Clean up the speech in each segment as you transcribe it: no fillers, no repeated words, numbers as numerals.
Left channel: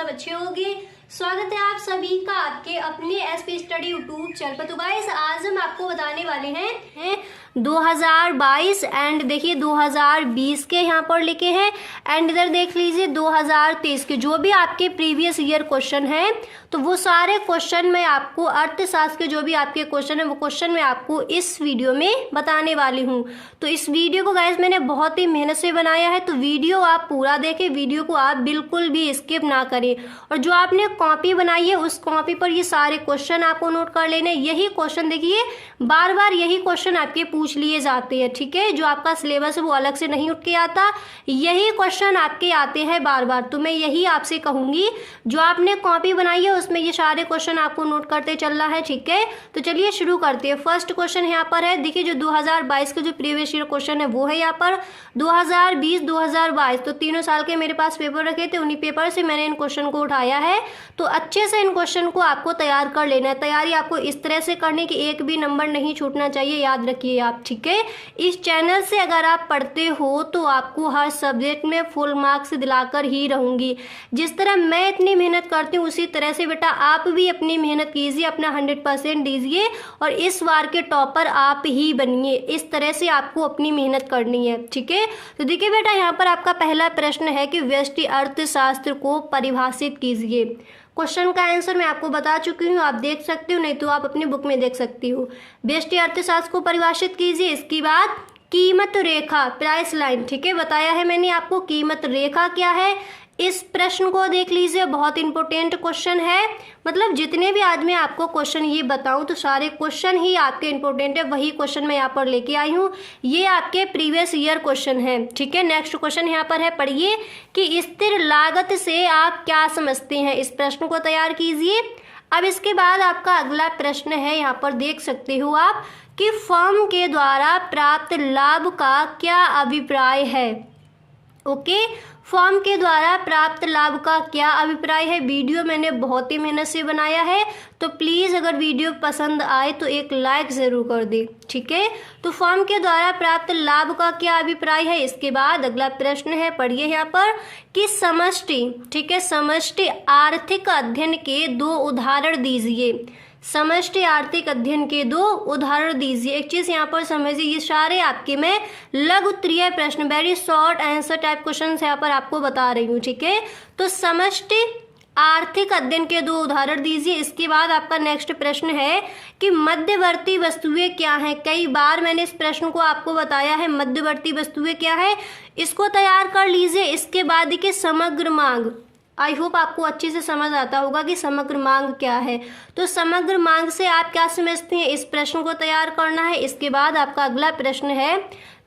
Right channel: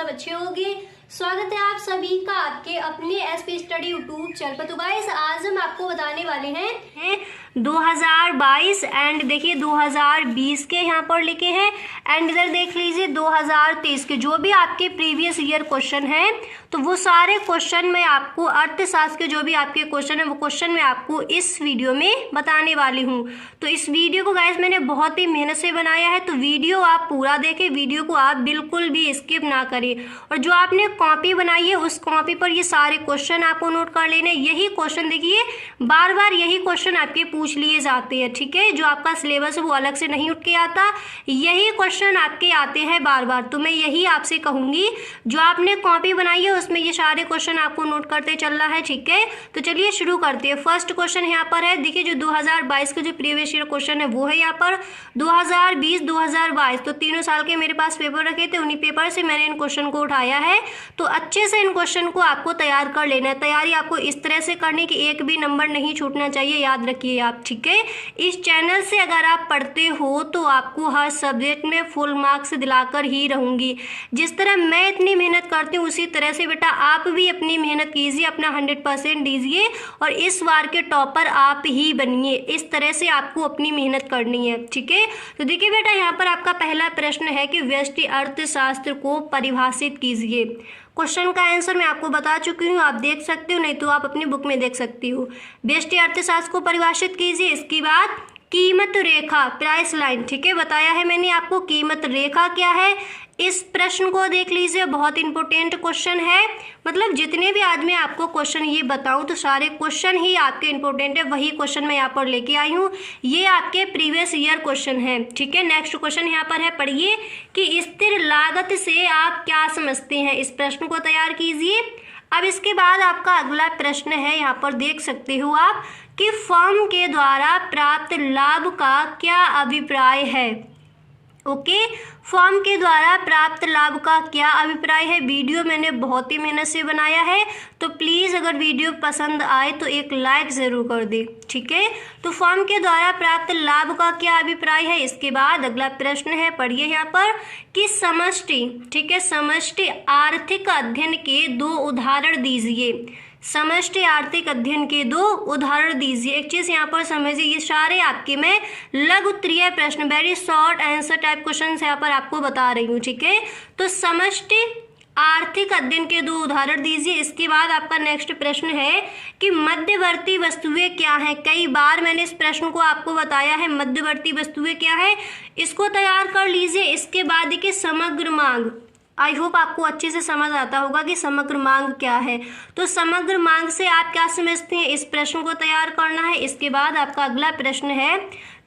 सब अच्छे होंगे। स्वागत है आप सभी का आपके अपने एसपी स्टडी यूट्यूब चैनल पर। तो गाइस आज हम आपको बताने वाले हैं 2022 एंड देखिए 2020 के यहाँ पर लिखे हैं एंड इधर देख लीजिए 2023 के जो भी आपके प्रीवियस ईयर क्वेश्चन हैं तो वो सारे क्वेश्चन मैं आपको अर्थशास्त्र के जो भी आपके क्वेश्चन है वो क्वेश्चन मैं आपको इस वीडियो में बताने वाली हूँ। तो इस वीडियो को गाइस मैंने बहुत ही मेहनत से बनाया है, तो वीडियो आप पूरा देखें, वीडियो को आप बिल्कुल भी स्किप ना करें। और जो आपने कॉपी बनाई है उस कॉपी पर ये सारे क्वेश्चन आपको नोट कर लेने। यही क्वेश्चन देखिए बार बार यही क्वेश्चन आपके पूछ लिए जाते हैं, ठीक है। जो आपका सिलेबस है वो अलग से नहीं उठ के आता, यही क्वेश्चन आपके आते हैं बार बार। तो मैं यही आपसे कहूंगी जो आपने कॉपी बनाई है उसमें ये सारे क्वेश्चन आपको नोट करते चलना है, ठीक है। तो चलिए शुरू करते हैं। फर्स्ट क्वेश्चन यहाँ पर है, देखिए जो 2022 के जो प्रीवियस ईयर क्वेश्चन है वो है यहाँ पर 2020 2022। तो तीनों साल के मेरे पास पेपर रखे थे, उन्हीं पेपर से मैंने इन क्वेश्चन को उठाया है। तो अच्छे से इन क्वेश्चन को आपको तैयार कर लेना है। तैयारी आपको इस तरह से करनी कि एक भी नंबर नहीं छूटना चाहिए, याद रखिए आप, ठीक है। इस चैनल से अगर आप पढ़ते हो तो आपको हर सब्जेक्ट में फुल मार्क्स दिलाकर ही रहूंगी। जिस तरह मैं इतनी मेहनत करती हूँ उसी तरह से बेटा आप भी अपनी मेहनत कीजिए, अपना 100% दीजिए और इस बार के टॉपर आप ही बनिए। इस तरह से आपको अपनी मेहनत करनी है, ठीक है। तो देखिए बेटा यहाँ पर आपका पहला प्रश्न है कि व्यष्टि अर्थशास्त्र को परिभाषित कीजिए। क्वेश्चन का आंसर मैं आपको बता चुकी हूँ, आप देख सकते हो, नहीं तो आप अपनी बुक में देख सकती हो। व्यष्टि अर्थशास्त्र को परिभाषित कीजिए। इसके बाद कीमत रेखा, प्राइस लाइन, ठीक है, बताया है मैंने आपको कीमत रेखा क्या है। इस प्रश्न को देख लीजिए, बहुत इंपॉर्टेंट क्वेश्चन है। मतलब जितने भी आज मैं आपको क्वेश्चन ये बताऊं तो सारे क्वेश्चन ही आपके इंपॉर्टेंट है, वही क्वेश्चन मैं यहाँ पर लेके आई हूँ। ये आपके प्रीवियस ईयर क्वेश्चन है, ठीक है। नेक्स्ट क्वेश्चन यहाँ पर है, पढ़िए कि स्थिर लागत से आप क्या समझते हैं। इस प्रश्न को तैयार कीजिए। अब इसके बाद आपका अगला प्रश्न है, यहाँ पर देख सकते हो आप कि फर्म के द्वारा प्राप्त लाभ का क्या अभिप्राय है। ओके, फर्म के द्वारा प्राप्त लाभ का क्या अभिप्राय है। वीडियो मैंने बहुत ही मेहनत से बनाया है, तो प्लीज़ अगर वीडियो पसंद आए तो एक लाइक ज़रूर कर दे, ठीक है। तो फर्म के द्वारा प्राप्त लाभ का क्या अभिप्राय है। इसके बाद अगला प्रश्न है, पढ़िए यहाँ पर कि समष्टि, ठीक है, समष्टि आर्थिक अध्ययन के 2 उदाहरण दीजिए। समष्टि आर्थिक अध्ययन के 2 उदाहरण दीजिए। एक चीज यहाँ पर समझिए, ये सारे आपके मैं लघु उत्तरीय प्रश्न, very short answer type question यहाँ पर आपको बता रही हूँ, ठीक है। तो समष्टि आर्थिक अध्ययन के 2 उदाहरण दीजिए। इसके बाद आपका नेक्स्ट प्रश्न है कि मध्यवर्ती वस्तुएं क्या हैं। कई बार मैंने इस प्रश्न को आपको बताया है, मध्यवर्ती वस्तुएं क्या है, इसको तैयार कर लीजिए। इसके बाद देखिए समग्र मांग, आई होप आपको अच्छे से समझ आता होगा कि समग्र मांग क्या है। तो समग्र मांग से आप क्या समझते हैं, इस प्रश्न को तैयार करना है। इसके बाद आपका अगला प्रश्न है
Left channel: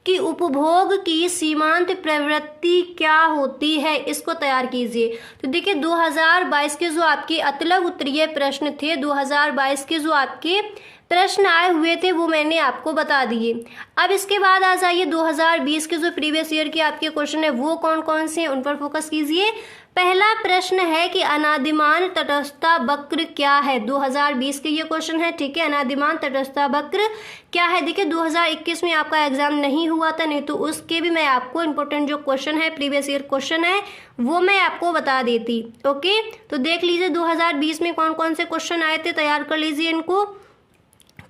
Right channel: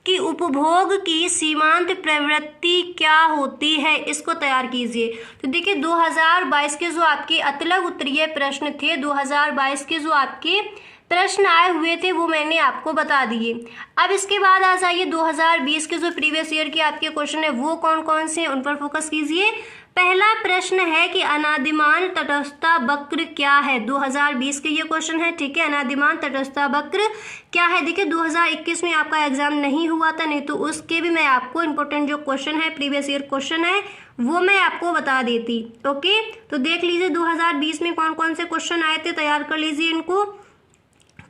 कि उपभोग की सीमांत प्रवृत्ति क्या होती है, इसको तैयार कीजिए। तो देखिए 2022 के जो आपके अतिलघु उत्तरीय प्रश्न थे, 2022 के जो आपके प्रश्न आए हुए थे वो मैंने आपको बता दिए। अब इसके बाद आ जाइए 2020 के जो प्रीवियस ईयर के आपके क्वेश्चन है वो कौन कौन से हैं, उन पर फोकस कीजिए। पहला प्रश्न है कि अनादिमान तटस्थता वक्र क्या है। 2020 के ये क्वेश्चन है, ठीक है। अनादिमान तटस्थता वक्र क्या है। देखिए 2021 में आपका एग्जाम नहीं हुआ था, नहीं तो उसके भी मैं आपको इंपॉर्टेंट जो क्वेश्चन है, प्रीवियस ईयर क्वेश्चन है, वो मैं आपको बता देती। ओके, तो देख लीजिए 2020 में कौन कौन से क्वेश्चन आए थे, तैयार कर लीजिए इनको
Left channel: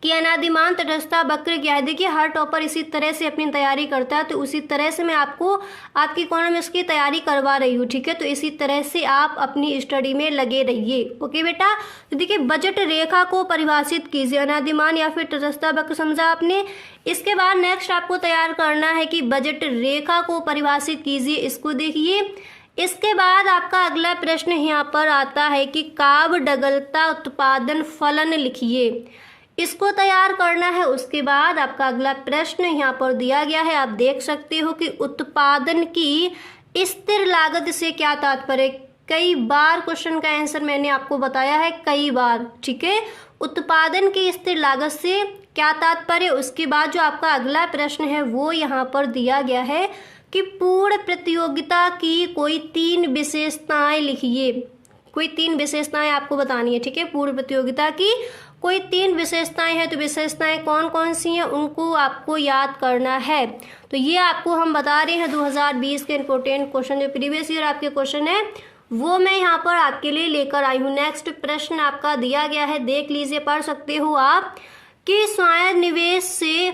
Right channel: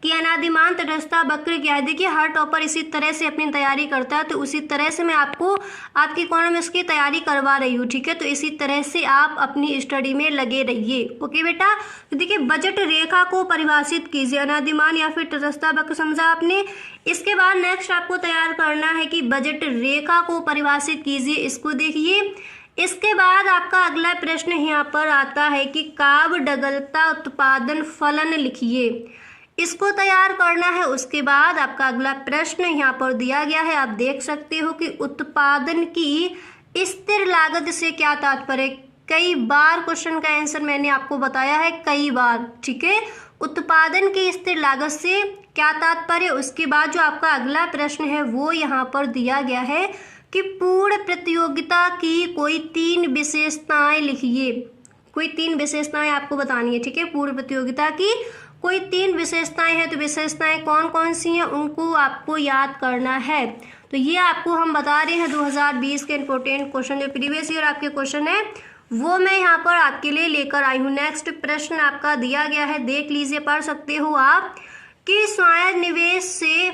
कि अनादिमान तटस्थता वक्र क्या है। देखिए हर टॉपर इसी तरह से अपनी तैयारी करता है, तो उसी तरह से मैं आपको आपकी इकोनॉमिक्स की तैयारी करवा रही हूँ, ठीक है। तो इसी तरह से आप अपनी स्टडी में लगे रहिए, ओके बेटा। तो देखिए बजट रेखा को परिभाषित कीजिए, अनादिमान या फिर तटस्थता वक्र समझा आपने। इसके बाद नेक्स्ट आपको तैयार करना है कि बजट रेखा को परिभाषित कीजिए, इसको देखिए। इसके बाद आपका अगला प्रश्न यहाँ पर आता है कि काव्यडगलता उत्पादन फलन लिखिए, इसको तैयार करना है। उसके बाद आपका अगला प्रश्न यहाँ पर दिया गया है, आप देख सकते हो कि उत्पादन की स्थिर लागत से क्या तात्पर्य। कई बार क्वेश्चन का आंसर मैंने आपको बताया है, कई बार, ठीक है। उत्पादन की स्थिर लागत से क्या तात्पर्य। उसके बाद जो आपका अगला प्रश्न है वो यहाँ पर दिया गया है कि पूर्ण प्रतियोगिता की कोई 3 विशेषताएं लिखिए। कोई 3 विशेषताएं आपको बतानी है, ठीक है। पूर्ण प्रतियोगिता की कोई 3 विशेषताएं हैं, तो विशेषताएं कौन कौन सी हैं उनको आपको याद करना है। तो ये आपको हम बता रहे हैं 2020 के इंपॉर्टेंट क्वेश्चन, जो प्रीवियस ईयर आपके क्वेश्चन है वो मैं यहाँ पर आपके लिए लेकर आई हूँ। नेक्स्ट प्रश्न आपका दिया गया है, देख लीजिए, पढ़ सकते हो आप, कि स्वायत्त निवेश से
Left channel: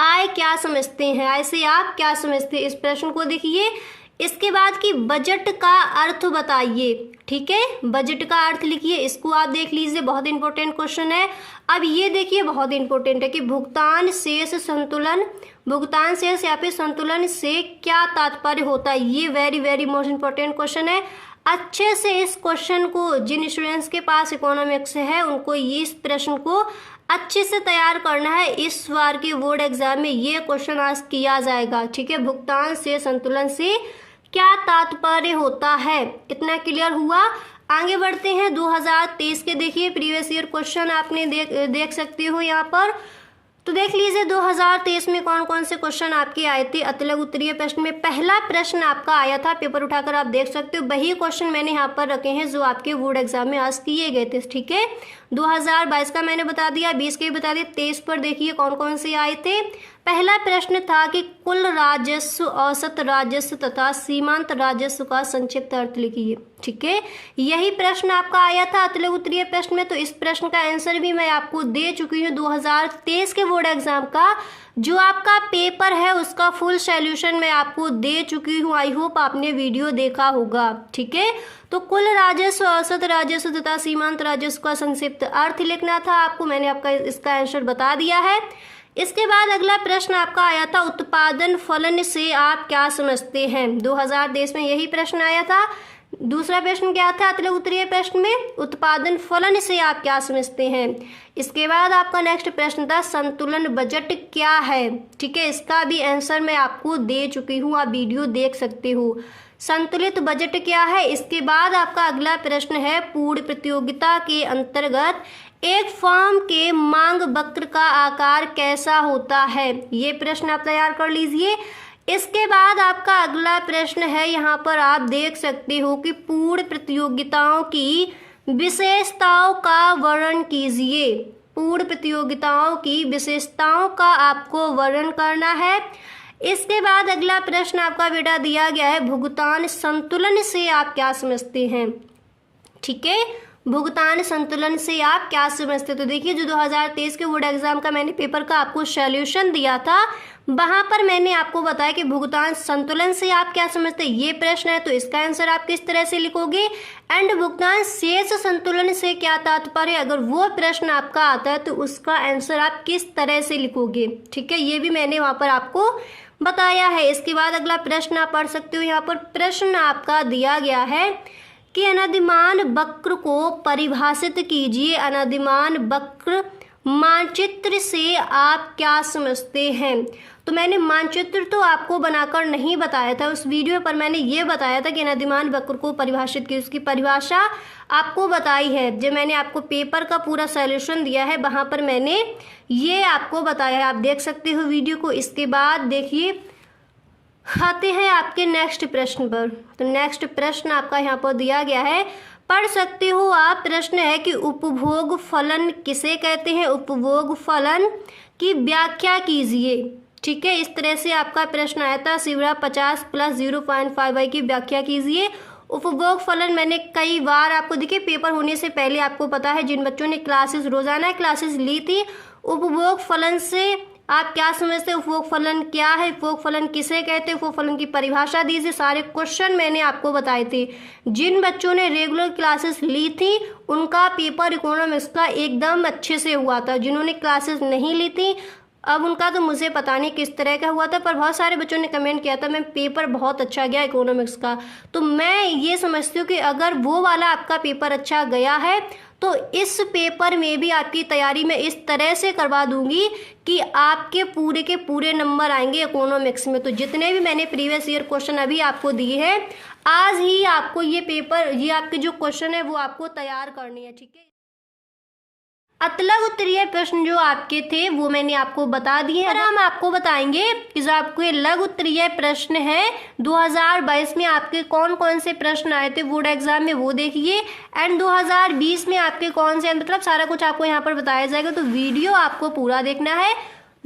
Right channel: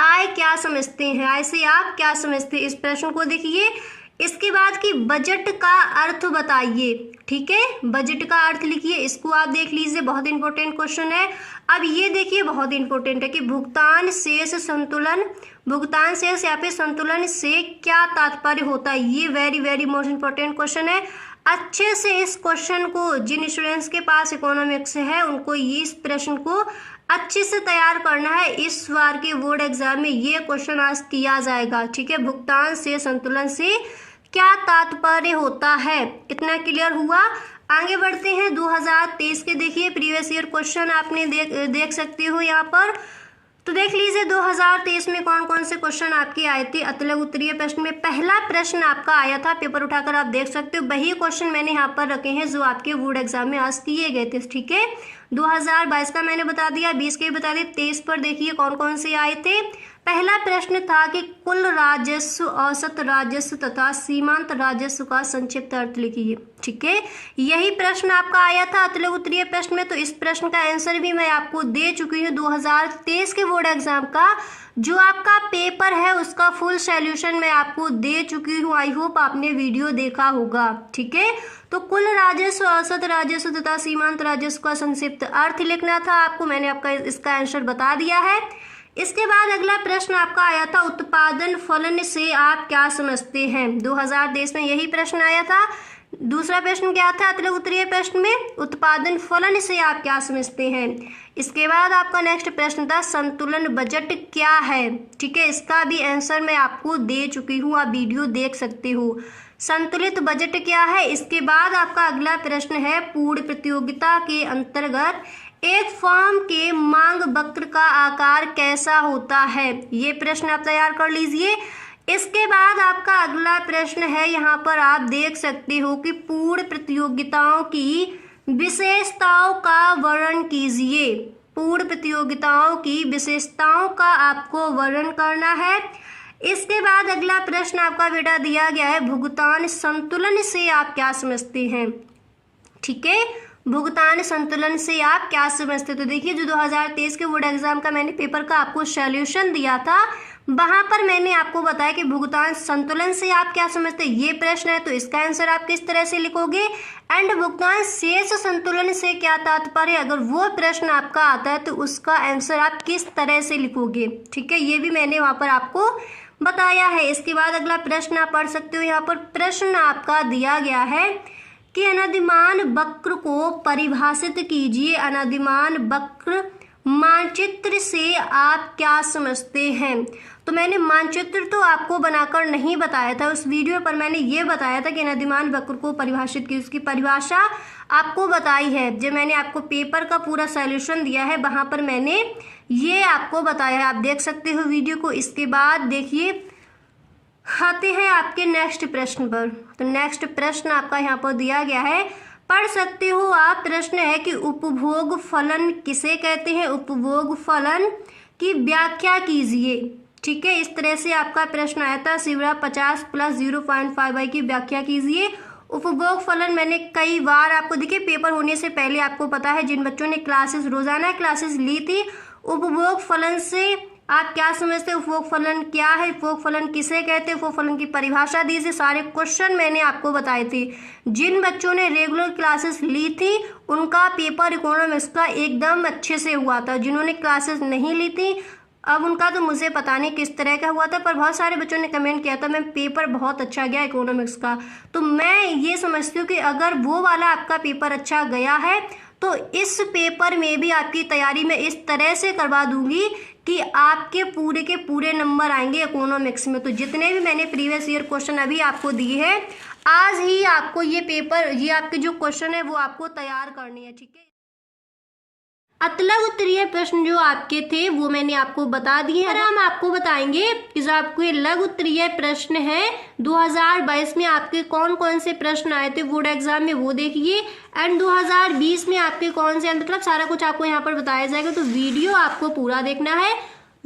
आय क्या समझते हैं, आय से आप क्या समझते हैं। इस प्रश्न को देखिए। इसके बाद कि बजट का अर्थ बताइए, ठीक है, बजट का अर्थ लिखिए, इसको आप देख लीजिए, बहुत इंपॉर्टेंट क्वेश्चन है। अब ये देखिए बहुत इंपॉर्टेंट है कि भुगतान शेष संतुलन, भुगतान शेष या फिर संतुलन से क्या तात्पर्य होता है। ये very very most important question है। अच्छे से इस क्वेश्चन को, जिन स्टूडेंट्स के पास इकोनॉमिक्स है उनको ये इस प्रश्न को अच्छे से तैयार करना है। इस बार के बोर्ड एग्जाम में ये क्वेश्चन आज किया जाएगा, ठीक है। भुगतान से संतुलन से क्या तात्पर्य होता है, इतना क्लियर हुआ। आगे बढ़ते हैं 2023 के, देखिए प्रीवियस ईयर क्वेश्चन आपने देख सकते हो यहाँ पर। तो देख लीजिए 2023 में कौन कौन से क्वेश्चन आपके आए थे। अतलग उत्तरीय प्रश्न में पहला प्रश्न आपका आया था, पेपर उठाकर आप देख सकते हो। वही क्वेश्चन मैंने यहाँ पर रखे हैं जो आपके बोर्ड एग्जाम में आज किए गए थे, ठीक है। 2022 का मैंने बता दिया, 20 के भी बता दिया। 23 पर देखिए कौन कौन से आए थे। पहला प्रश्न था कि कुल राजस्व, औसत राजस्व तथा सीमांत राजस्व का संक्षिप्त अर्थ लिखिए, ठीक है। यही प्रश्न आपका आया था अतलग उत्तरीय प्रश्न में। तो इस प्रश्न का आंसर भी मैं आपको दे चुकी हूँ। 2023 के बोर्ड एग्जाम का जो आपका पेपर है उसका फुल सॉल्यूशन मैं आपको दे चुकी हूँ। आई होप आपने वीडियो देखा होगा, ठीक है। तो कुल राजस्व, औसत राजस्व तथा सीमांत राजस्व का संक्षिप्त अर्थ लिखना था आपको, मैंने आपका इसका आंसर बता दिया है। इसके बाद अगला प्रश्न आपका आया था, उत्पादन फलन से आप क्या समझते हैं। 2023 में यही प्रश्न आया था। दूसरा प्रश्न क्या था अतलग उत्तरीय प्रश्न में, उत्पादन फलन से आप क्या समझते हैं। इसके बाद आपका नेक्स्ट प्रश्न था, संतुलन बजट क्या है, ठीक है। इसका भी आंसर मैं आपको दे चुकी हूँ, आप वीडियो देख सकते हो। संतुलित बजट क्या है। इसके बाद आपका अगला प्रश्न है, पूर्ण प्रतियोगिता के अंतर्गत एक फर्म के मांग वक्र का आकार कैसा होता है। ये प्रश्न आप तैयार कर लीजिए। इसके बाद आपका अगला प्रश्न है, यहाँ पर आप देख सकते हो कि पूर्ण प्रतियोगिताओं की विशेषताओं का वर्णन कीजिए। पूर्ण प्रतियोगिताओं की विशेषताओं का आपको वर्णन करना है। इसके बाद अगला प्रश्न आपका बेटा दिया गया है, भुगतान संतुलन से आप क्या समझते हैं, ठीक है। भुगतान संतुलन से आप क्या समझते। तो देखिए जो 2023 के बोर्ड एग्जाम का मैंने पेपर का आपको सॉल्यूशन दिया था, वहां पर मैंने आपको बताया कि भुगतान संतुलन से आप क्या समझते हैं। ये प्रश्न है तो इसका आंसर आप किस तरह से लिखोगे। एंड भुगतान शेष संतुलन से क्या तात्पर्य, अगर वो प्रश्न आपका आता है तो उसका आंसर आप किस तरह से लिखोगे, ठीक है। ये भी मैंने वहां पर आपको बताया है। इसके बाद अगला प्रश्न आप पढ़ सकते हो। यहाँ पर प्रश्न आपका दिया गया है कि अनधिमान वक्र को परिभाषित कीजिए। अनधिमान वक्र मानचित्र से आप क्या समझते हैं। तो मैंने मानचित्र तो आपको बनाकर नहीं बताया था उस वीडियो पर, मैंने ये बताया था कि अनधिमान वक्र को परिभाषित की, उसकी परिभाषा आपको बताई है। जो मैंने आपको पेपर का पूरा सॉल्यूशन दिया है वहां पर मैंने ये आपको बताया है, आप देख सकते हो वीडियो को। इसके बाद देखिए आते हैं आपके नेक्स्ट प्रश्न पर। तो नेक्स्ट प्रश्न आपका यहाँ पर दिया गया है, पढ़ सकते हो आप। प्रश्न है कि उपभोग फलन किसे कहते हैं। उपभोग फलन की व्याख्या कीजिए, ठीक है। इस तरह से आपका प्रश्न आया था, सिवरा 50 + 0.5 की व्याख्या कीजिए। उपभोग फलन मैंने कई बार आपको, देखिए पेपर होने से पहले आपको पता है, जिन बच्चों ने क्लासेस, रोजाना क्लासेस ली थी, उपभोग फलन से आप क्या समझते हो, उपभोग फलन क्या है, उपभोग फलन किसे कहते हैं, उपभोग फलन की परिभाषा दीजिए। सारे क्वेश्चन मैंने आपको बताए थे। जिन बच्चों ने रेगुलर क्लासेस ली थी उनका पेपर इकोनॉमिक्स का एकदम अच्छे से हुआ था। जिन्होंने क्लासेस नहीं ली थी अब उनका तो मुझे पता नहीं किस तरह का हुआ था, पर बहुत सारे बच्चों ने कमेंट किया था मैम पेपर बहुत अच्छा गया इकोनॉमिक्स का। तो मैं ये समझती हूँ कि अगर वो वाला आपका पेपर अच्छा गया है तो इस पेपर में भी आपकी तैयारी मैं इस तरह से करवा दूंगी कि आपके पूरे के पूरे नंबर आएंगे इकोनॉमिक्स में। तो जितने भी मैंने प्रीवियस ईयर क्वेश्चन अभी आपको दिए हैं, आज ही आपको ये पेपर, ये आपके जो क्वेश्चन है वो आपको तैयार करनी है, ठीक है। अतलग उत्तरीय प्रश्न जो आपके थे वो मैंने आपको बता दिए हैं। हम आपको बताएंगे कि जो आपके लघु उत्तरीय प्रश्न है 2022 में आपके कौन कौन से प्रश्न आए थे बोर्ड एग्जाम में, वो देखिए। एंड 2020 में आपके कौन से, मतलब सारा कुछ आपको यहाँ पर बताया जाएगा। तो वीडियो आपको पूरा देखना है।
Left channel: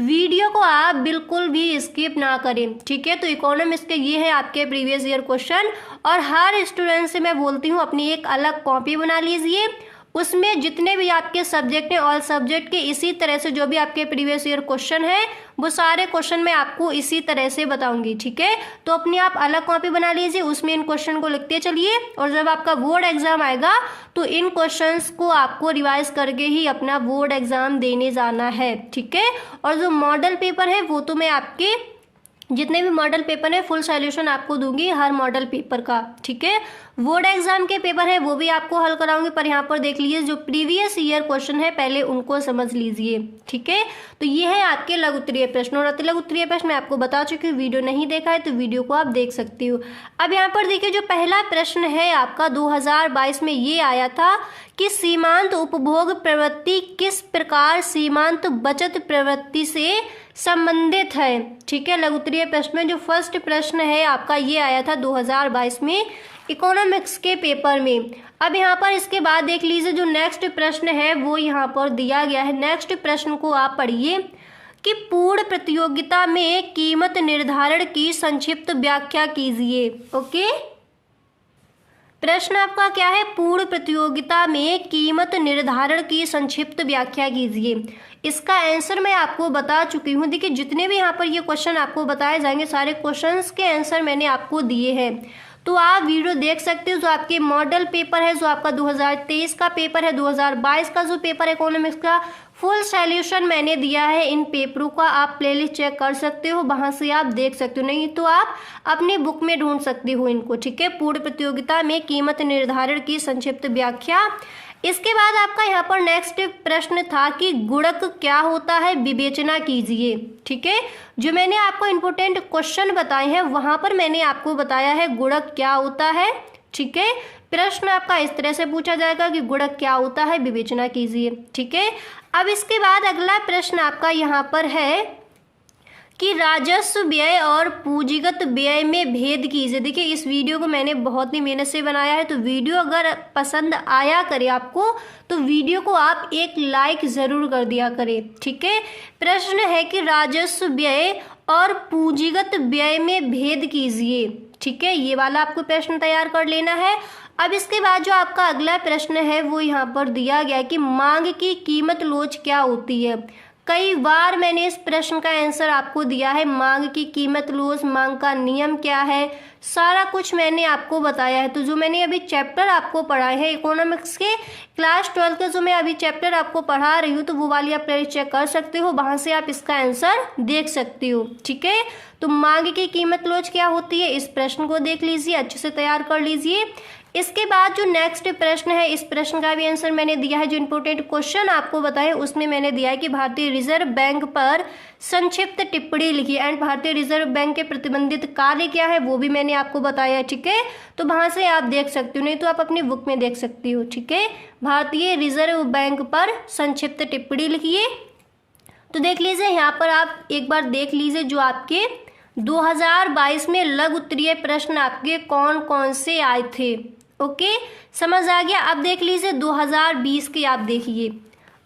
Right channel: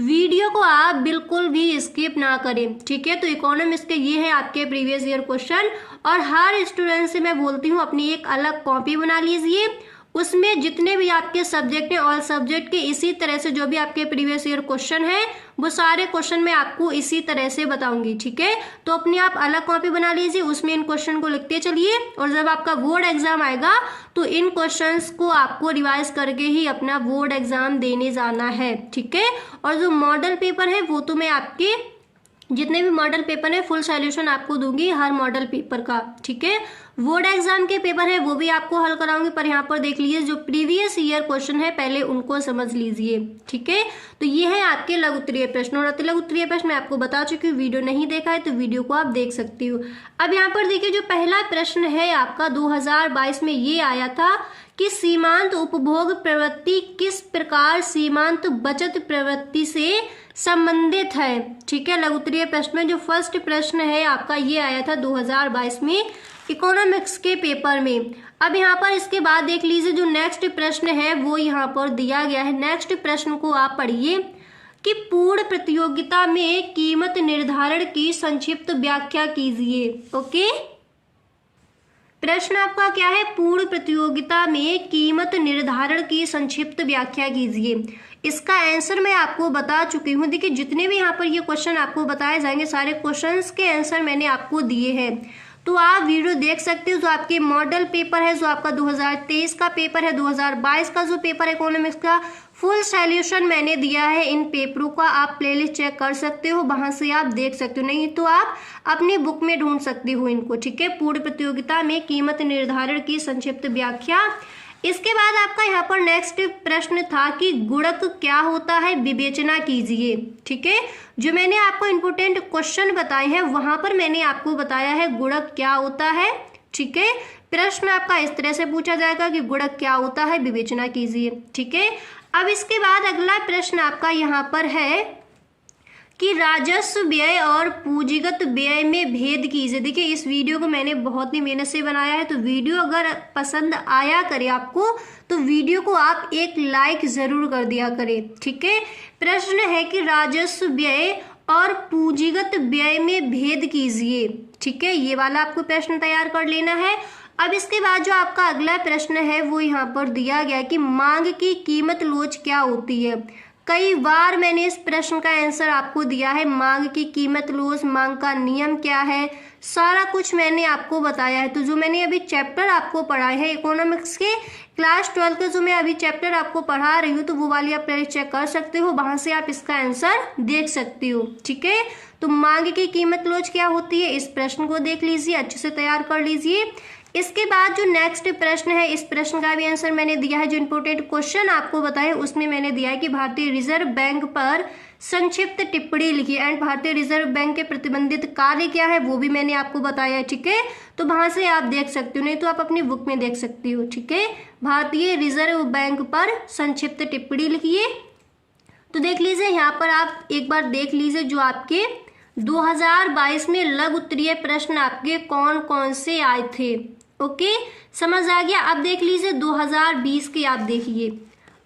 वीडियो को आप बिल्कुल भी स्किप ना करें, ठीक है। तो इकोनॉमिक्स के ये है आपके प्रीवियस ईयर क्वेश्चन, और हर स्टूडेंट से मैं बोलती हूँ अपनी एक अलग कॉपी बना लीजिए, उसमें जितने भी आपके सब्जेक्ट हैं ऑल सब्जेक्ट के इसी तरह से जो भी आपके प्रीवियस ईयर क्वेश्चन है वो सारे क्वेश्चन मैं आपको इसी तरह से बताऊंगी, ठीक है। तो अपनी आप अलग कॉपी बना लीजिए, उसमें इन क्वेश्चन को लिखते चलिए, और जब आपका बोर्ड एग्जाम आएगा तो इन क्वेश्चंस को आपको रिवाइज करके ही अपना बोर्ड एग्जाम देने जाना है, ठीक है। और जो मॉडल पेपर है वो तो मैं आपके जितने भी मॉडल पेपर है फुल सॉल्यूशन आपको दूंगी हर मॉडल पेपर का, ठीक है। बोर्ड एग्जाम के पेपर है वो भी आपको हल कराऊंगी, पर यहाँ पर देख लीजिए जो प्रीवियस ईयर क्वेश्चन है पहले उनको समझ लीजिए, ठीक है। तो ये है आपके लघु उत्तरीय प्रश्न, और अति लघु उत्तरीय प्रश्न मैं आपको बता चुकी हूँ, वीडियो नहीं देखा है तो वीडियो को आप देख सकती हो। अब यहाँ पर देखिए जो पहला प्रश्न है आपका 2022 में ये आया था कि सीमांत उपभोग प्रवृत्ति किस प्रकार सीमांत बचत प्रवृत्ति से संबंधित है, ठीक है। लघु उत्तरीय प्रश्न में जो फर्स्ट प्रश्न है आपका ये आया था 2022 में इकोनॉमिक्स के पेपर में। अब यहाँ पर इसके बाद देख लीजिए जो नेक्स्ट प्रश्न है वो यहाँ पर दिया गया है। नेक्स्ट प्रश्न को आप पढ़िए कि पूर्ण प्रतियोगिता में कीमत निर्धारण की संक्षिप्त व्याख्या कीजिए। ओके, प्रश्न आपका क्या है, पूर्ण प्रतियोगिता में कीमत निर्धारण की संक्षिप्त व्याख्या कीजिए। इसका आंसर मैं आपको बता चुकी हूँ। देखिए जितने भी यहाँ पर ये क्वेश्चन आपको बताए जाएंगे सारे क्वेश्चंस के आंसर मैंने आपको दिए हैं, तो आप वीडियो देख सकते हो। जो आपके मॉडल पेपर है, जो आपका 2023 का पेपर है, 2022 का जो पेपर है इकोनॉमिक्स का, फुल सॉल्यूशन मैंने दिया है इन पेपरों का। आप प्लेलिस्ट चेक कर सकते हो, वहां से आप देख सकते हो, नहीं तो आप अपनी बुक में ढूंढ सकते हो इनको, ठीक है। पूर्ण प्रतियोगिता में कीमत निर्धारण की संक्षिप्त व्याख्या। इसके बाद आपका यहाँ पर नेक्स्ट प्रश्न था कि गुणक क्या होता है, विवेचना कीजिए, ठीक है। जो मैंने आपको इम्पोर्टेंट क्वेश्चन बताए हैं वहां पर मैंने आपको बताया है गुणक क्या होता है, ठीक है। प्रश्न आपका इस तरह से पूछा जाएगा कि गुणक क्या होता है, विवेचना कीजिए, ठीक है। अब इसके बाद अगला प्रश्न आपका यहाँ पर है कि राजस्व व्यय और पूंजीगत व्यय में भेद कीजिए। देखिए इस वीडियो को मैंने बहुत ही मेहनत से बनाया है, तो वीडियो अगर पसंद आया करे आपको तो वीडियो को आप एक लाइक जरूर कर दिया करें, ठीक है। प्रश्न है कि राजस्व व्यय और पूंजीगत व्यय में भेद कीजिए, ठीक है। ये वाला आपको प्रश्न तैयार कर लेना है। अब इसके बाद जो आपका अगला प्रश्न है वो यहाँ पर दिया गया कि मांग की कीमत लोच क्या होती है। कई बार मैंने इस प्रश्न का आंसर आपको दिया है। मांग की कीमत लोच, मांग का नियम क्या है, सारा कुछ मैंने आपको बताया है। तो जो मैंने अभी चैप्टर आपको पढ़ाए हैं इकोनॉमिक्स के क्लास 12 के, जो मैं अभी चैप्टर आपको पढ़ा रही हूँ, तो वो वाली आप चेक कर सकते हो, वहां से आप इसका आंसर देख सकते हो, ठीक है। तो मांग की कीमत लोच क्या होती है, इस प्रश्न को देख लीजिए, अच्छे से तैयार कर लीजिए। इसके बाद जो नेक्स्ट प्रश्न है, इस प्रश्न का भी आंसर मैंने दिया है। जो इंपोर्टेंट क्वेश्चन आपको बताए उसमें मैंने दिया है कि भारतीय रिजर्व बैंक पर संक्षिप्त टिप्पणी लिखी, एंड भारतीय रिजर्व बैंक के प्रतिबंधित कार्य क्या है वो भी मैंने आपको बताया है, ठीक है। तो वहां से आप देख सकते हो, नहीं तो आप अपनी बुक में देख सकती हो, ठीक है। भारतीय रिजर्व बैंक पर संक्षिप्त टिप्पणी लिखिए। तो देख लीजिए यहाँ पर आप एक बार देख लीजिए जो आपके 2022 में लघु उत्तरीय प्रश्न आपके कौन कौन से आए थे। ओके, समझ आ गया। अब देख लीजिए 2020 के, आप देखिए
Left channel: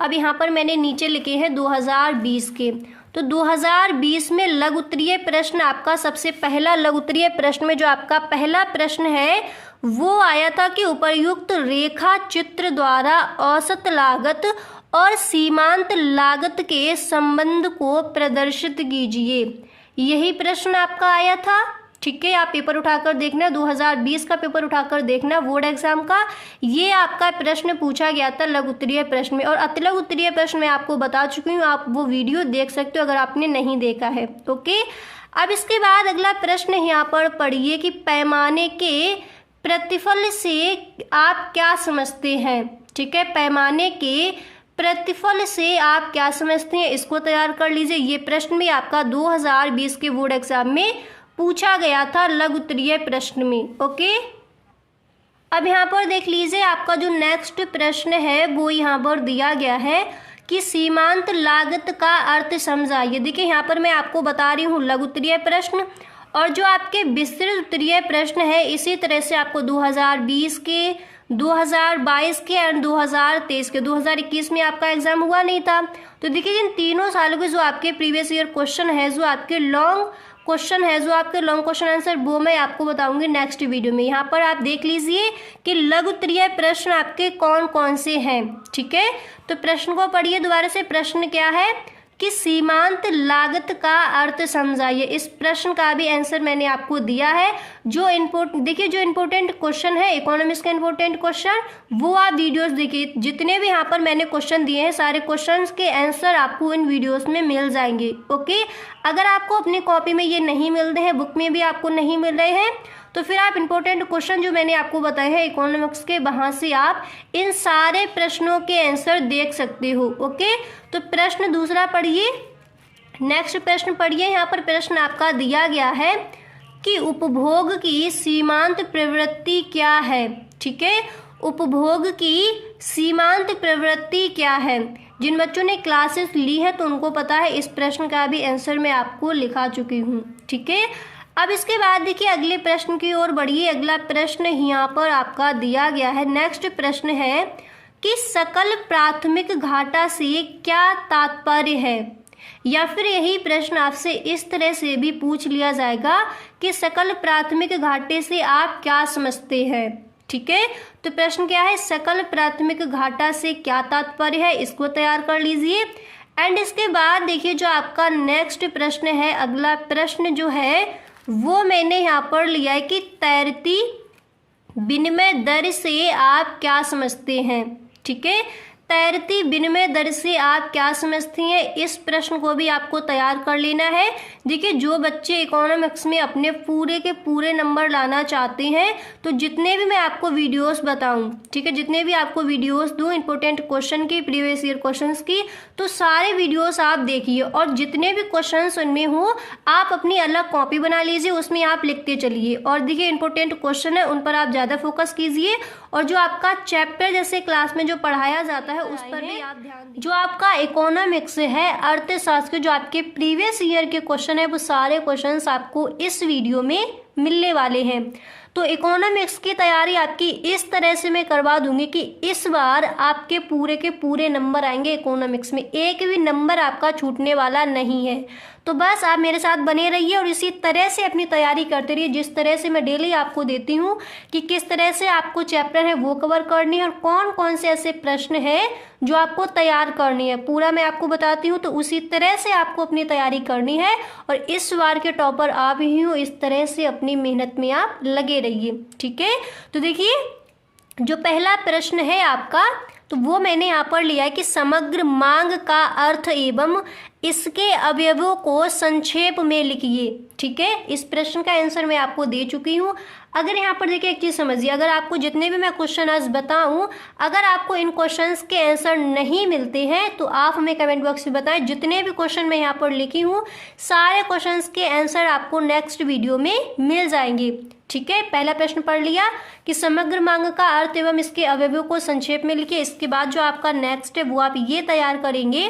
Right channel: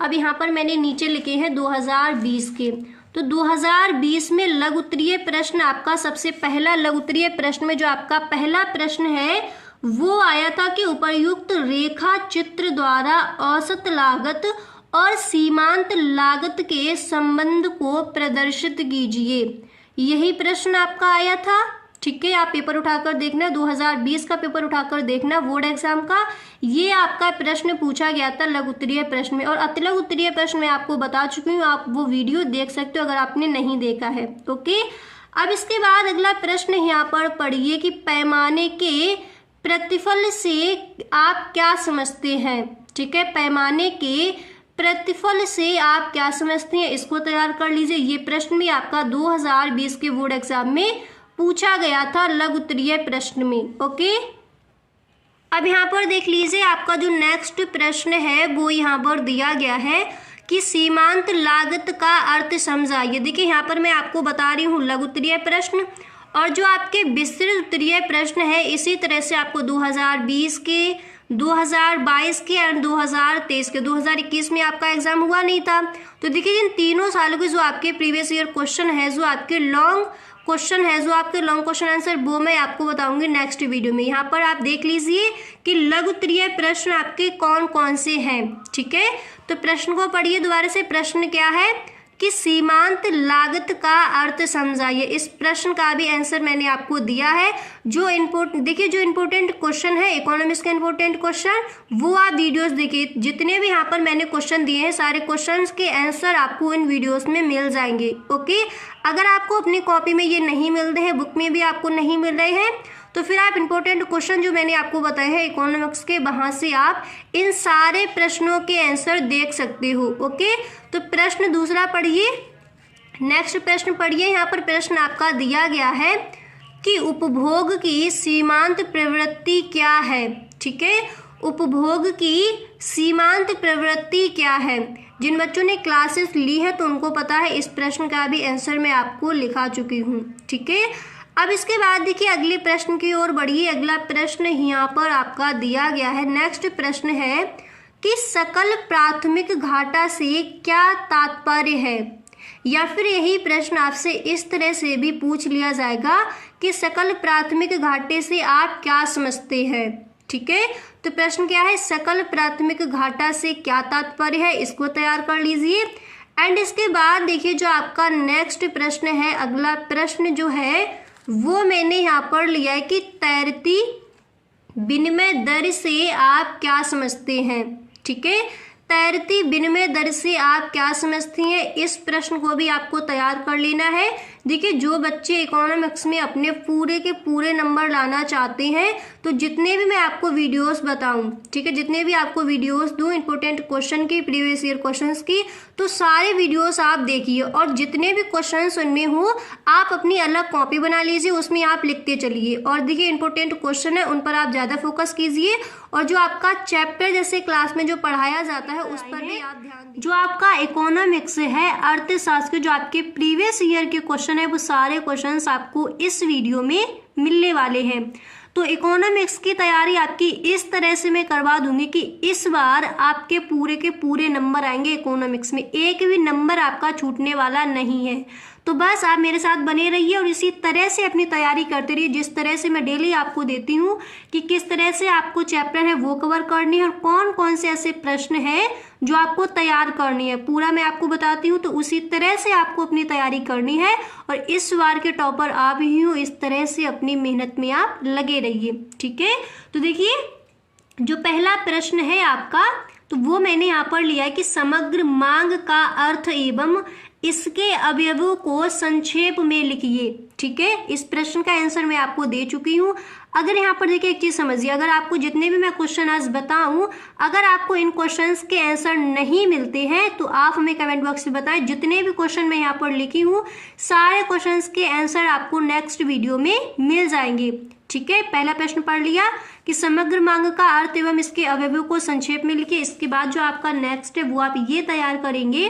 अब यहाँ पर मैंने नीचे लिखे हैं 2020 के। तो 2020 में लघु उत्तरीय प्रश्न आपका सबसे पहला लघु उत्तरीय प्रश्न में जो आपका पहला प्रश्न है वो आया था कि उपर्युक्त रेखा चित्र द्वारा औसत लागत और सीमांत लागत के संबंध को प्रदर्शित कीजिए। यही प्रश्न आपका आया था, ठीक है। आप पेपर उठाकर देखना, 2020 का पेपर उठाकर देखना बोर्ड एग्जाम का, ये आपका प्रश्न पूछा गया था लघु उत्तरीय प्रश्न में। और अति लघु उत्तरीय प्रश्न मैं आपको बता चुकी हूँ, आप वो वीडियो देख सकते हो अगर आपने नहीं देखा है, ओके। अब इसके बाद अगला प्रश्न यहाँ पर पढ़िए कि पैमाने के प्रतिफल से आप क्या समझते हैं, ठीक है। पैमाने के प्रतिफल से आप क्या समझते हैं, इसको तैयार कर लीजिए। ये प्रश्न भी आपका 2020 के बोर्ड एग्जाम में पूछा गया था लघु उत्तरीय प्रश्न में, ओके। अब यहाँ पर देख लीजिए आपका जो नेक्स्ट प्रश्न है वो यहाँ पर दिया गया है कि सीमांत लागत का अर्थ समझाइए। देखिए यहाँ पर मैं आपको बता रही हूँ लघु उत्तरीय प्रश्न, और जो आपके विस्तृत उत्तरीय प्रश्न है इसी तरह से आपको 2020 के, 2022 के एंड 2023 के। 2021 में आपका एग्जाम हुआ नहीं था। तो देखिए जिन तीनों सालों के जो आपके प्रीवियस ईयर क्वेश्चन है, जो आपके लॉन्ग क्वेश्चन है, जो आपके लॉन्ग क्वेश्चन आंसर, वो मैं आपको बताऊंगी नेक्स्ट वीडियो में। यहाँ पर आप देख लीजिए कि लघु उत्तरीय प्रश्न आपके कौन कौन से हैं। ठीक है, तो प्रश्न को पढ़िए दोबारा से। प्रश्न क्या है कि सीमांत लागत का अर्थ समझाइए। इस प्रश्न का भी आंसर मैंने आपको दिया है। जो देखिए जो इम्पोर्टेंट क्वेश्चन है इकोनॉमिक्स का इम्पोर्टेंट क्वेश्चन, वो आप वीडियोस देखिए। जितने भी यहाँ पर मैंने क्वेश्चन दिए हैं सारे क्वेश्चंस के आंसर आपको इन वीडियोस में मिल जाएंगे। ओके, अगर आपको अपनी कॉपी में ये नहीं मिल रहे हैं, बुक में भी आपको नहीं मिल रहे हैं, तो फिर आप इंपॉर्टेंट क्वेश्चन जो मैंने आपको बताए हैं इकोनॉमिक्स के, वहां से आप इन सारे प्रश्नों के आंसर देख सकते हो। ओके, तो प्रश्न दूसरा पढ़िए। नेक्स्ट प्रश्न पढ़िए। यहाँ पर प्रश्न आपका दिया गया है कि उपभोग की सीमांत प्रवृत्ति क्या है। ठीक है, उपभोग की सीमांत प्रवृत्ति क्या है। जिन बच्चों ने क्लासेस ली है तो उनको पता है। इस प्रश्न का भी आंसर मैं आपको लिखा चुकी हूँ। ठीक है, अब इसके बाद देखिए अगले प्रश्न की ओर बढ़िए। अगला प्रश्न यहाँ पर आपका दिया गया है। नेक्स्ट प्रश्न है कि सकल प्राथमिक घाटा से क्या तात्पर्य है, या फिर यही प्रश्न आपसे इस तरह से भी पूछ लिया जाएगा कि सकल प्राथमिक घाटे से आप क्या समझते हैं। ठीक है, तो प्रश्न क्या है, सकल प्राथमिक घाटा से क्या तात्पर्य है, इसको तैयार कर लीजिए। एंड इसके बाद देखिए जो आपका नेक्स्ट प्रश्न है, अगला प्रश्न जो है वो मैंने यहाँ पर लिया है कि तैरती विनिमय दर से आप क्या समझते हैं। ठीक है, तैरती विनिमय दर से आप क्या समझती हैं, इस प्रश्न को भी आपको तैयार कर लेना है। देखिए जो बच्चे इकोनॉमिक्स में अपने पूरे के पूरे नंबर लाना चाहते हैं, तो जितने भी मैं आपको वीडियोस बताऊं, ठीक है, जितने भी आपको वीडियोस दूं इंपॉर्टेंट क्वेश्चन की, प्रीवियस ईयर क्वेश्चंस की, तो सारे वीडियोस आप देखिए और जितने भी क्वेश्चंस उनमें हो आप अपनी अलग कॉपी बना लीजिए, उसमें आप लिखते चलिए। और देखिए इंपॉर्टेंट क्वेश्चन है उन पर आप ज़्यादा फोकस कीजिए, और जो आपका चैप्टर जैसे क्लास में जो पढ़ाया जाता है उस पर भी आप ध्यान दीजिए। जो आपका इकोनॉमिक्स है, अर्थशास्त्र के जो आपके प्रीवियस ईयर के क्वेश्चन है, वो सारे क्वेश्चंस आपको इस वीडियो में मिलने वाले हैं। तो इकोनॉमिक्स की तैयारी आपकी इस तरह से मैं करवा दूंगी कि इस बार आपके पूरे के पूरे नंबर आएंगे इकोनॉमिक्स में, एक भी नंबर आपका छूटने वाला नहीं है। तो बस आप मेरे साथ बने रहिए और इसी तरह से अपनी तैयारी करते रहिए, जिस तरह से मैं डेली आपको देती हूँ कि किस तरह से आपको चैप्टर है वो कवर करनी है और कौन कौन से ऐसे प्रश्न हैं जो आपको तैयार करनी है, पूरा मैं आपको बताती हूँ। तो उसी तरह से आपको अपनी तैयारी करनी है और इस बार के टॉपर आप ही हो, इस तरह से अपनी मेहनत में आप लगे रहिए। ठीक है, तो देखिए जो पहला प्रश्न है आपका, तो वो मैंने यहाँ पर लिया है कि समग्र मांग का अर्थ एवं इसके अवयवों को संक्षेप में लिखिए। ठीक है, इस प्रश्न का आंसर मैं आपको दे चुकी हूँ। अगर यहाँ पर देखिए एक चीज समझिए, अगर आपको जितने भी मैं क्वेश्चन आज बताऊं, अगर आपको इन क्वेश्चंस के आंसर नहीं मिलते हैं तो आप हमें कमेंट बॉक्स में बताएं। जितने भी क्वेश्चन मैं यहाँ पर लिखी हूँ सारे क्वेश्चंस के आंसर आपको नेक्स्ट वीडियो में मिल जाएंगे। ठीक है, पहला प्रश्न पढ़ लिया कि समग्र मांग का अर्थ एवं इसके अवयवों को संक्षेप में लिखिए। इसके बाद जो आपका नेक्स्ट है वो आप ये तैयार करेंगे।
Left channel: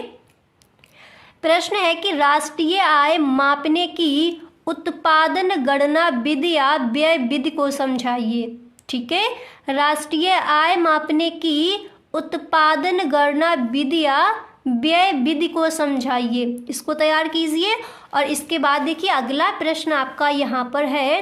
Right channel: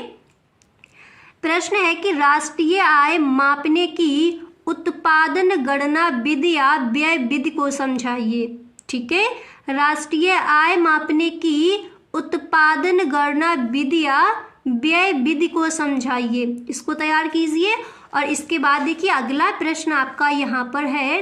प्रश्न है कि राष्ट्रीय आय मापने की उत्पादन गणना विधि या व्यय विधि को समझाइए। ठीक है, राष्ट्रीय आय मापने की उत्पादन गणना विधि या व्यय विधि को समझाइए, इसको तैयार कीजिए। और इसके बाद देखिए अगला प्रश्न आपका यहाँ पर है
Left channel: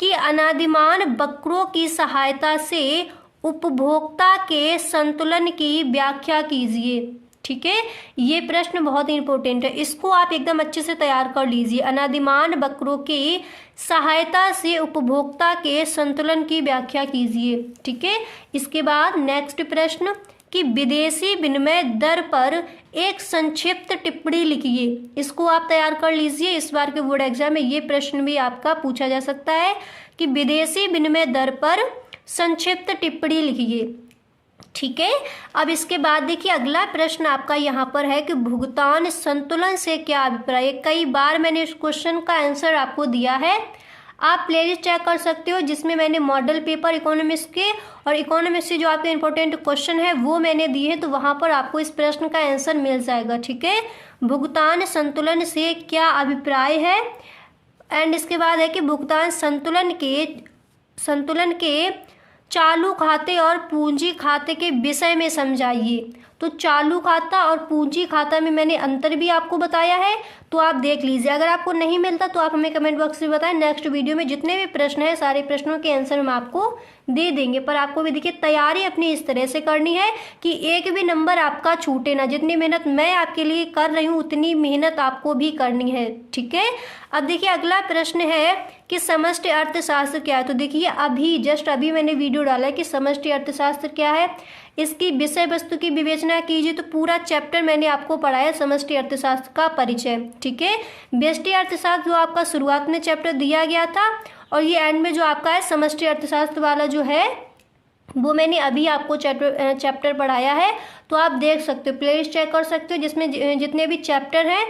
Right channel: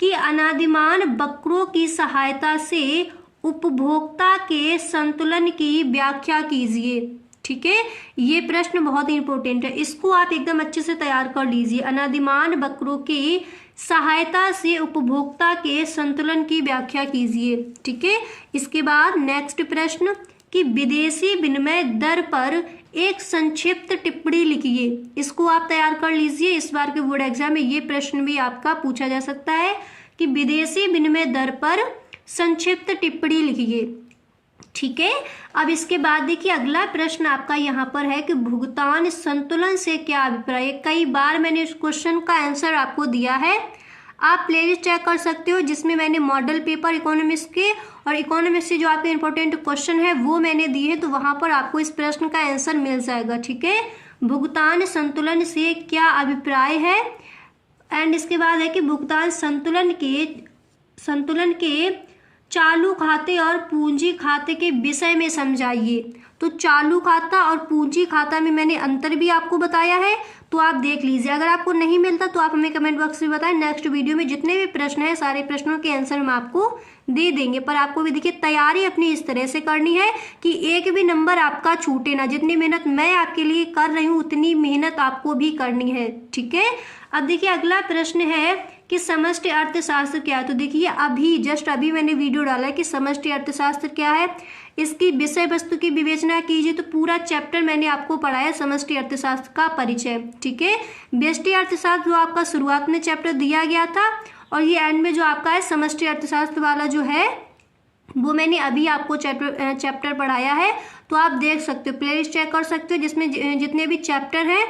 कि अनादिमान वक्रों की सहायता से उपभोक्ता के संतुलन की व्याख्या कीजिए। ठीक है, ये प्रश्न बहुत इंपॉर्टेंट है, इसको आप एकदम अच्छे से तैयार कर लीजिए। अनादिमान वक्रों की सहायता से उपभोक्ता के संतुलन की व्याख्या कीजिए। ठीक है, इसके बाद नेक्स्ट प्रश्न कि विदेशी विनिमय दर पर एक संक्षिप्त टिप्पणी लिखिए, इसको आप तैयार कर लीजिए। इस बार के बोर्ड एग्जाम में ये प्रश्न भी आपका पूछा जा सकता है कि विदेशी विनिमय दर पर संक्षिप्त टिप्पणी लिखिए। ठीक है, अब इसके बाद देखिए अगला प्रश्न आपका यहाँ पर है कि भुगतान संतुलन से क्या अभिप्राय है। कई बार मैंने इस क्वेश्चन का आंसर आपको दिया है, आप प्लेलिस्ट चेक कर सकते हो जिसमें मैंने मॉडल पेपर इकोनॉमिक्स के और इकोनॉमिक्स से जो आपके इंपॉर्टेंट क्वेश्चन है वो मैंने दिए हैं, तो वहां पर आपको इस प्रश्न का आंसर मिल जाएगा। ठीक है, भुगतान संतुलन से क्या अभिप्राय है। एंड इसके बाद है कि भुगतान संतुलन के चालू खाते और पूंजी खाते के विषय में समझाइए। तो चालू खाता और पूंजी खाता में मैंने अंतर भी आपको बताया है, तो आप देख लीजिए। अगर आपको नहीं मिलता तो आप हमें कमेंट बॉक्स में बताएं। नेक्स्ट वीडियो में जितने भी प्रश्न हैं सारे प्रश्नों के आंसर हम आपको दे देंगे। पर आपको भी देखिए तैयारी अपनी इस तरह से करनी है कि एक भी नंबर आपका छूटे ना। जितनी मेहनत मैं आपके लिए कर रही हूँ उतनी मेहनत आपको भी करनी है, ठीक है। अब देखिए अगला प्रश्न है कि समष्टि अर्थशास्त्र क्या है। तो देखिए अभी जस्ट अभी मैंने वीडियो डाला है कि समष्टि अर्थशास्त्र क्या है, इसकी विषय वस्तु की विवेचना कीजिए। तो पूरा चैप्टर मैंने आपको पढ़ाया समष्टि अर्थशास्त्र का परिचय, ठीक है। व्यष्टि अर्थशास्त्र जो आपका शुरुआत में चैप्टर दिया गया था और ये एंड में जो आपका है समष्टि अर्थशास्त्र वाला जो है वो मैंने अभी आपको चैप्टर पढ़ाया है। तो आप देख सकते हो, प्लेलिस्ट चेक कर सकते हो जिसमें जितने भी चैप्टर हैं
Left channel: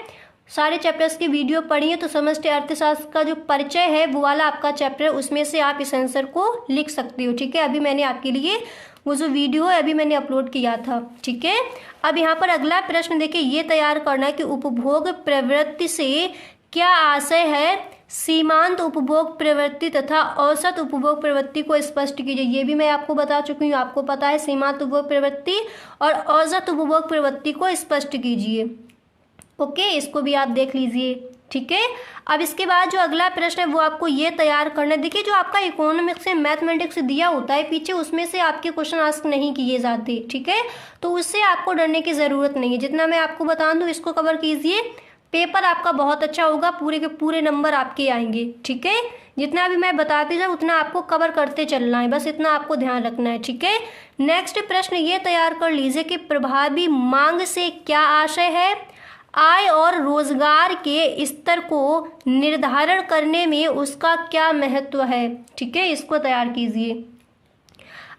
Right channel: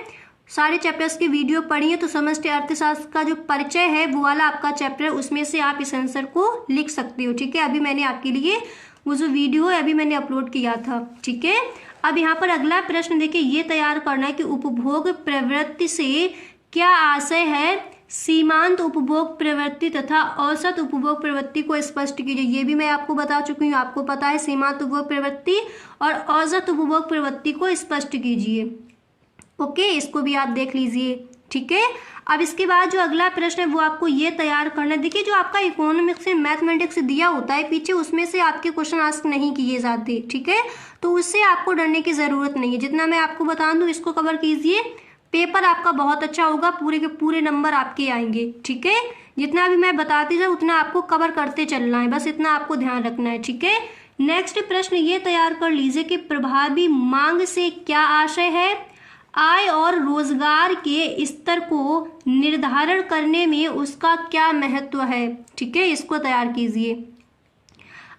सारे चैप्टर्स की वीडियो पढ़िए। तो समष्टि अर्थशास्त्र का जो परिचय है वो वाला आपका चैप्टर है, उसमें से आप इस आंसर को लिख सकते हो, ठीक है। अभी मैंने आपके लिए वो जो वीडियो है अभी मैंने अपलोड किया था, ठीक है। अब यहाँ पर अगला प्रश्न देखिए ये तैयार करना है कि उपभोग प्रवृत्ति से क्या आशय है। सीमांत उपभोग प्रवृत्ति तथा औसत उपभोग प्रवृत्ति को स्पष्ट कीजिए। ये भी मैं आपको बता चुकी हूँ, आपको पता है सीमांत उपभोग प्रवृत्ति और औसत उपभोग प्रवृत्ति को स्पष्ट कीजिए, ओके। इसको भी आप देख लीजिए, ठीक है। अब इसके बाद जो अगला प्रश्न है वो आपको ये तैयार करना है। देखिए जो आपका इकोनॉमिक्स से मैथमेटिक्स दिया होता है पीछे उसमें से आपके क्वेश्चन आस्क नहीं किए जाते, ठीक है। तो उससे आपको डरने की ज़रूरत नहीं है। जितना मैं आपको बता दूँ इसको कवर कीजिए, पेपर आपका बहुत अच्छा होगा, पूरे के पूरे नंबर आपके आएंगे, ठीक है। जितना भी मैं बताती जाऊँ उतना आपको कवर करते चलना है, बस इतना आपको ध्यान रखना है, ठीक है। नेक्स्ट प्रश्न ये तैयार कर लीजिए कि प्रभावी मांग से क्या आशय है। आय और रोजगार के स्तर को निर्धारण करने में उसका क्या महत्व है, ठीक है। इसको तैयार कीजिए।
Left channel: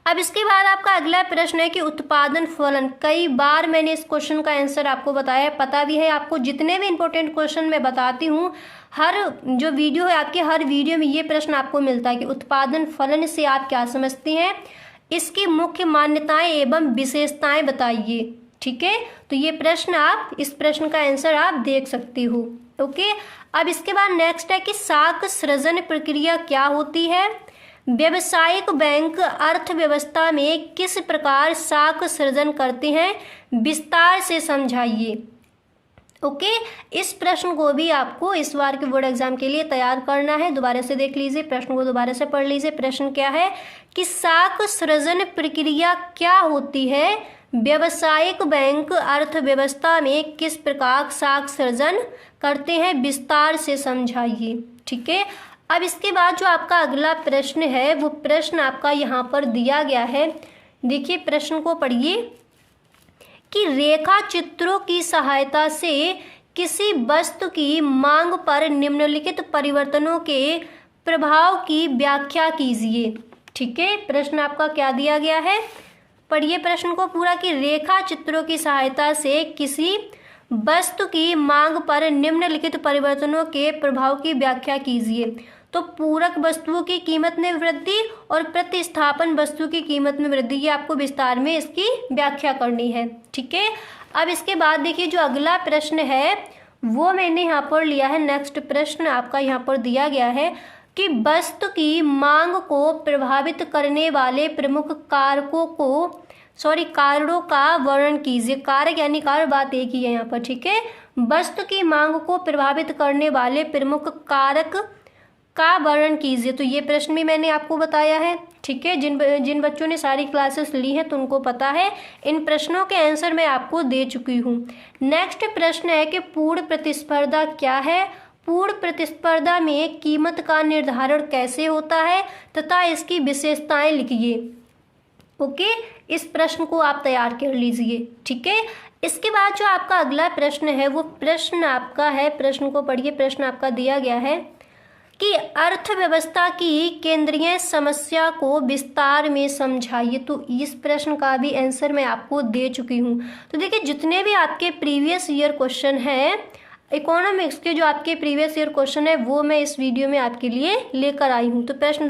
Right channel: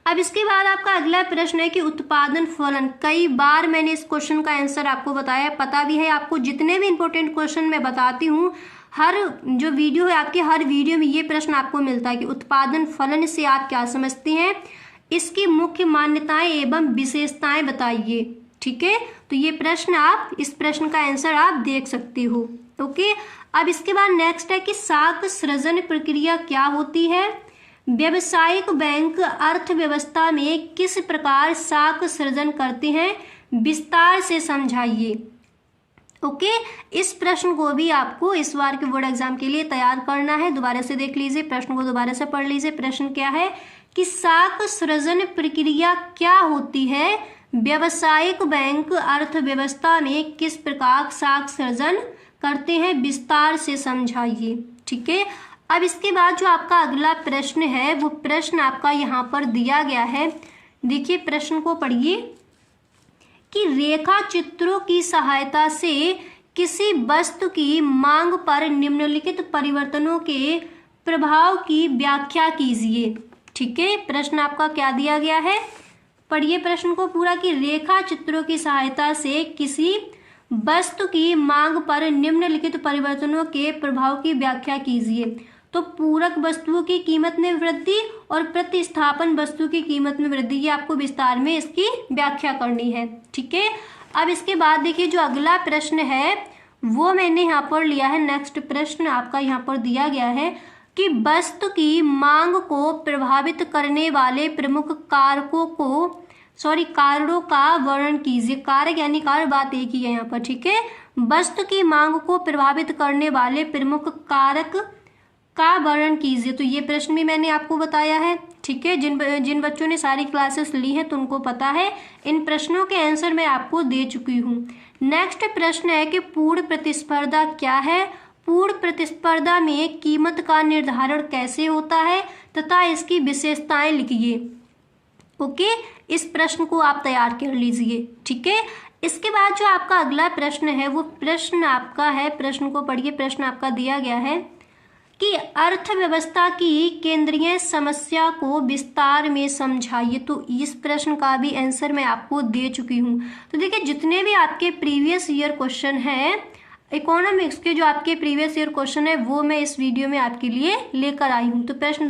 अब इसके बाद आपका अगला प्रश्न है कि उत्पादन फलन। कई बार मैंने इस क्वेश्चन का आंसर आपको बताया, पता भी है आपको। जितने भी इंपॉर्टेंट क्वेश्चन मैं बताती हूँ हर जो वीडियो है आपके हर वीडियो में ये प्रश्न आपको मिलता है कि उत्पादन फलन से आप क्या समझते हैं, इसकी मुख्य मान्यताएं एवं विशेषताएं बताइए, ठीक है। तो ये प्रश्न आप इस प्रश्न का आंसर आप देख सकती हो, ओके। अब इसके बाद नेक्स्ट है कि साख सृजन प्रक्रिया क्या होती है। व्यावसायिक बैंक अर्थव्यवस्था में किस प्रकार साख सृजन करते हैं, विस्तार से समझाइए, ओके। इस प्रश्न को भी आपको इस बार के बोर्ड एग्जाम के लिए तैयार करना है। दोबारा से देख लीजिए, प्रश्न को दोबारा से पढ़ लीजिए। प्रश्न क्या है कि साख सृजन प्रक्रिया क्या होती है, व्यावसायिक बैंक अर्थव्यवस्था में किस प्रकार साख सृजन करते हैं, विस्तार से समझाइए, ठीक है। अब इसके बाद जो आपका अगला प्रश्न है वो प्रश्न आपका यहाँ पर दिया गया है। देखिए प्रश्न को पढ़िए कि रेखा चित्रों की सहायता से किसी वस्तु की मांग पर निम्नलिखित परिवर्तनों के प्रभाव की व्याख्या कीजिए, ठीक है। प्रश्न आपका क्या दिया गया है, पढ़िए प्रश्न को पूरा कि रेखा चित्रों की सहायता से किसी वस्तु की मांग पर निम्नलिखित परिवर्तनों के प्रभाव की व्याख्या कीजिए। तो पूरक वस्तुओं की कीमत में वृद्धि और प्रतिस्थापन वस्तु की कीमत में वृद्धि, ये आपको विस्तार में इसकी व्याख्या करनी है, ठीक है। अब इसके बाद देखिए जो अगला प्रश्न है वो मैंने यहाँ पर लिया है। नेक्स्ट प्रश्न आपका यहाँ पर दिया गया है कि वस्तु की मांग को प्रभावित करने वाले प्रमुख कारणों का वर्णन कीजिए। कारक यानी कारक, बात एक ही है यहाँ पर, ठीक है। वस्तु की मांग को प्रभावित करने वाले प्रमुख कारक का वर्णन कीजिए। तो ये प्रश्न भी मैंने आपको बताया है, ठीक है। जिन बच्चों ने सारी क्लासेस ली हैं तो उनको पता है। इन प्रश्नों के आंसर मैं आपको दे चुकी हूँ। नेक्स्ट प्रश्न है कि पूर्ण प्रतिस्पर्धा क्या है। पूर्ण प्रतिस्पर्धा में कीमत का निर्धारण कैसे होता है तथा इसकी विशेषताएं लिखिए, ओके। इस प्रश्न को आप तैयार कर लीजिए, ठीक है। इसके बाद जो आपका अगला प्रश्न है वो प्रश्न आपका है, प्रश्न को पढ़िए। प्रश्न आपका दिया गया है कि अर्थव्यवस्था की केंद्रीय समस्या को विस्तार में समझाइए। तो इस प्रश्न का भी आंसर मैं आपको दे चुकी हूँ। तो देखिए जितने भी आपके प्रीवियस ईयर क्वेश्चन हैं इकोनॉमिक्स के, जो आपके प्रीवियस ईयर क्वेश्चन है वो मैं इस वीडियो में आपके लिए लेकर आई हूँ। तो प्रश्न